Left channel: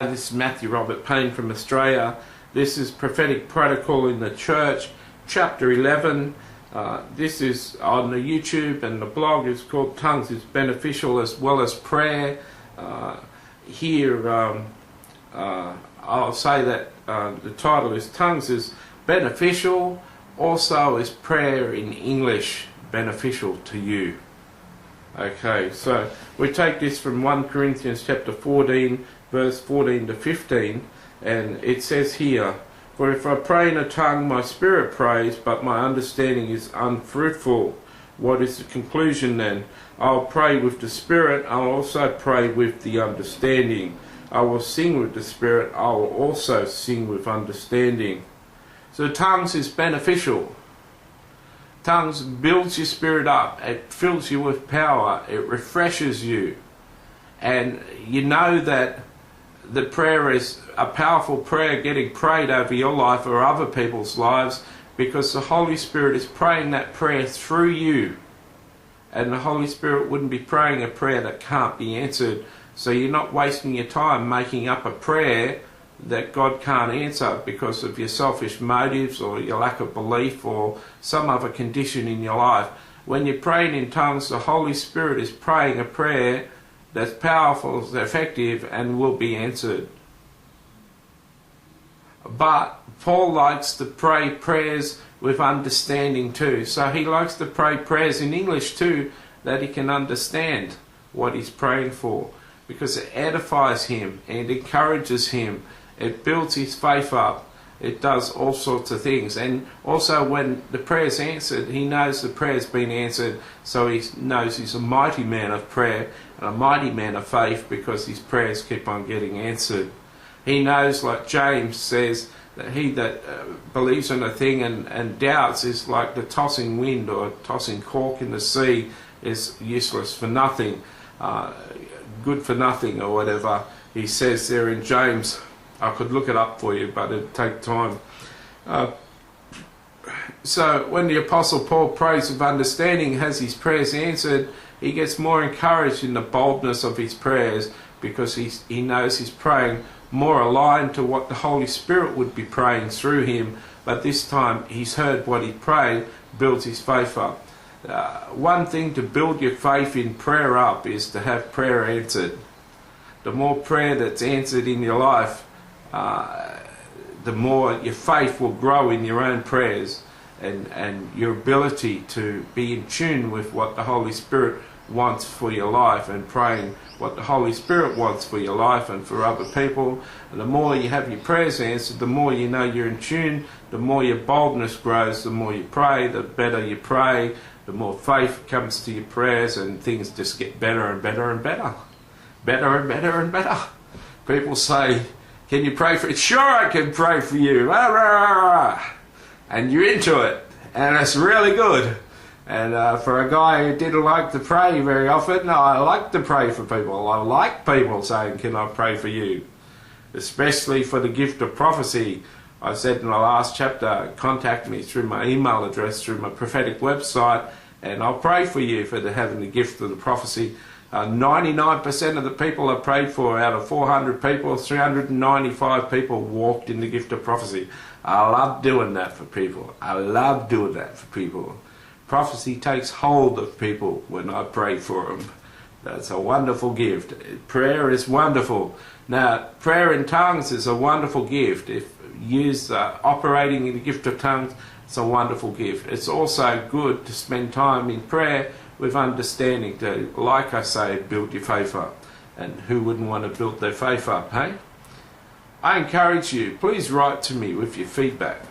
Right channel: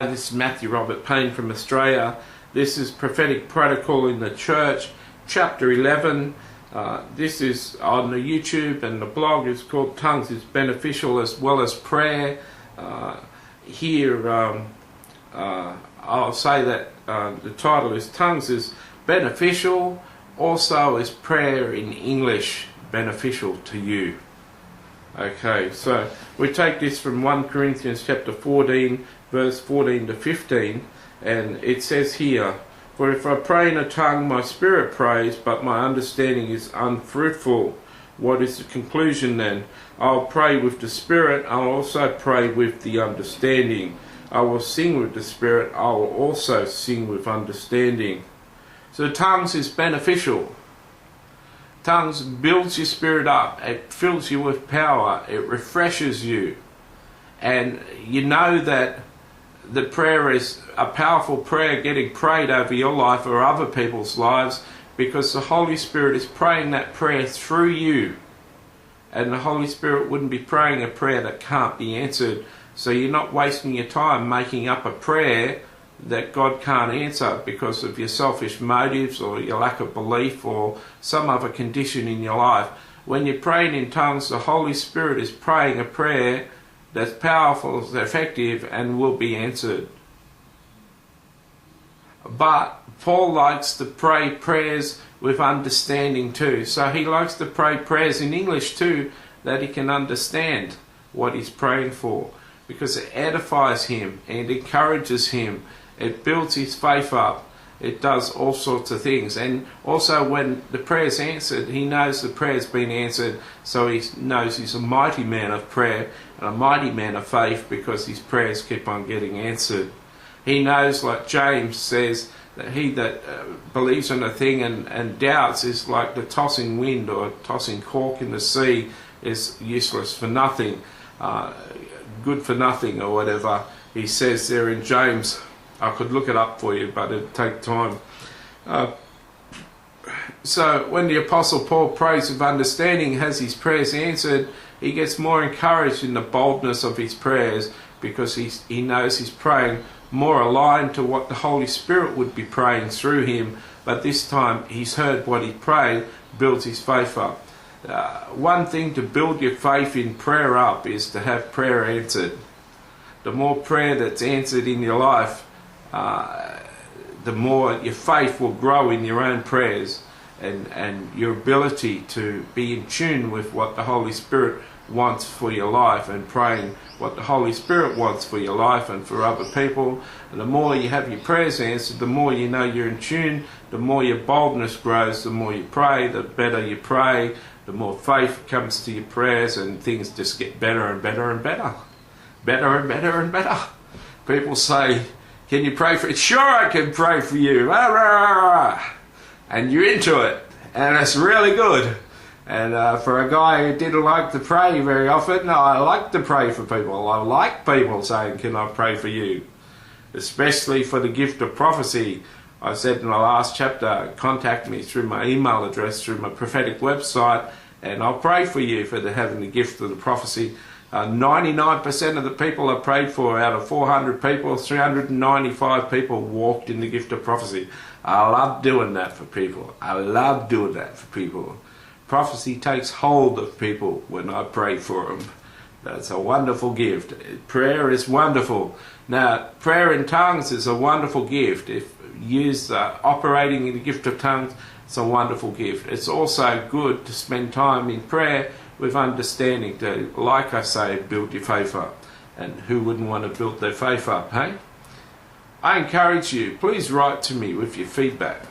This is Matthew Robert Payne from Australia. This is Prophetic Protocol in the Church, Chapter 11. This is on the YouTube, and the blog is called Tongues is Beneficial as Well as Prayer. Here I'll say that the title is Tongues is Beneficial. Also is prayer in English beneficial to you? Okay, so we take this from 1 Corinthians chapter 14, verse 14 to 15, and it says here, "For if I pray in a tongue, my spirit prays, but my understanding is unfruitful." What is the conclusion then? I'll pray with the spirit, I'll also pray with the understanding. I will sing with the spirit, I will also sing with understanding. So tongues is beneficial. Tongues builds your spirit up, it fills you with power, it refreshes you. And you know that the prayer is a powerful prayer getting prayed over your life or other people's lives, because the Holy Spirit is praying that prayer through you. And the Holy Spirit wouldn't be praying a prayer that can't be answered. So you're not wasting your time making up a prayer that God can't answer because of your selfish motives or your lack of belief or some other condition in your life. When you're praying in tongues, the Holy Spirit is praying a prayer that's powerful, effective, and will be answered. But Paul likes to pray prayers with understanding too. So he likes to pray prayers in English too, that he can understand what he's praying for, because it edifies him and encourages him. It builds his faith up. It does all sorts of things. And also when the prayer's answered, he knows the prayer's been answered, so he knows he's a mighty man of prayer and a mighty man of faith, because his prayers keep on getting answered. He knows, like James says, that he that believes in a thing and doubts is like the tossing wind or tossing cork in the sea, is useless for nothing, good for nothing, or whatever he says there in James. I could look it up for you, but it'd take time. So when the Apostle Paul prays with understanding, has his prayers answered, he gets more encouraged in the boldness of his prayers, because he knows he's praying more aligned to what the Holy Spirit would be praying through him. But this time he's heard what he prayed, builds his faith up. One thing to build your faith in prayer up is to have prayer answered. The more prayer that's answered in your life, the more your faith will grow in your own prayers, and your ability to be in tune with what the Holy Spirit wants for your life, and praying what the Holy Spirit wants for your life and for other people. And the more you have your prayers answered, the more you know you're in tune, the more your boldness grows, the more you pray, the better you pray, the more faith comes to your prayers, and things just get better and better and better. Better and better and better. People say, "Can you pray for it?" "Sure, I can pray for you." And you're into it, and it's really good. And for a guy who didn't like to pray very often, I like to pray for people. I like people saying, "Can I pray for you?" Especially for the gift of prophecy. I said in the last chapter, contact me through my email address, through my prophetic website, and I'll pray for you for having the gift of the prophecy. 99% of the people I prayed for, out of 400 people, 395 people walked in the gift of prophecy. I love doing that for people. I love doing that for people. Prophecy takes hold of people when I pray for them. That's a wonderful gift. Prayer is wonderful. Now, prayer in tongues is a wonderful gift. If used operating in the gift of tongues, it's a wonderful gift. It's also good to spend time in prayer with understanding, to, like I say, build your faith up. And who wouldn't want to build their faith up, hey? I encourage you, please write to me with your feedback.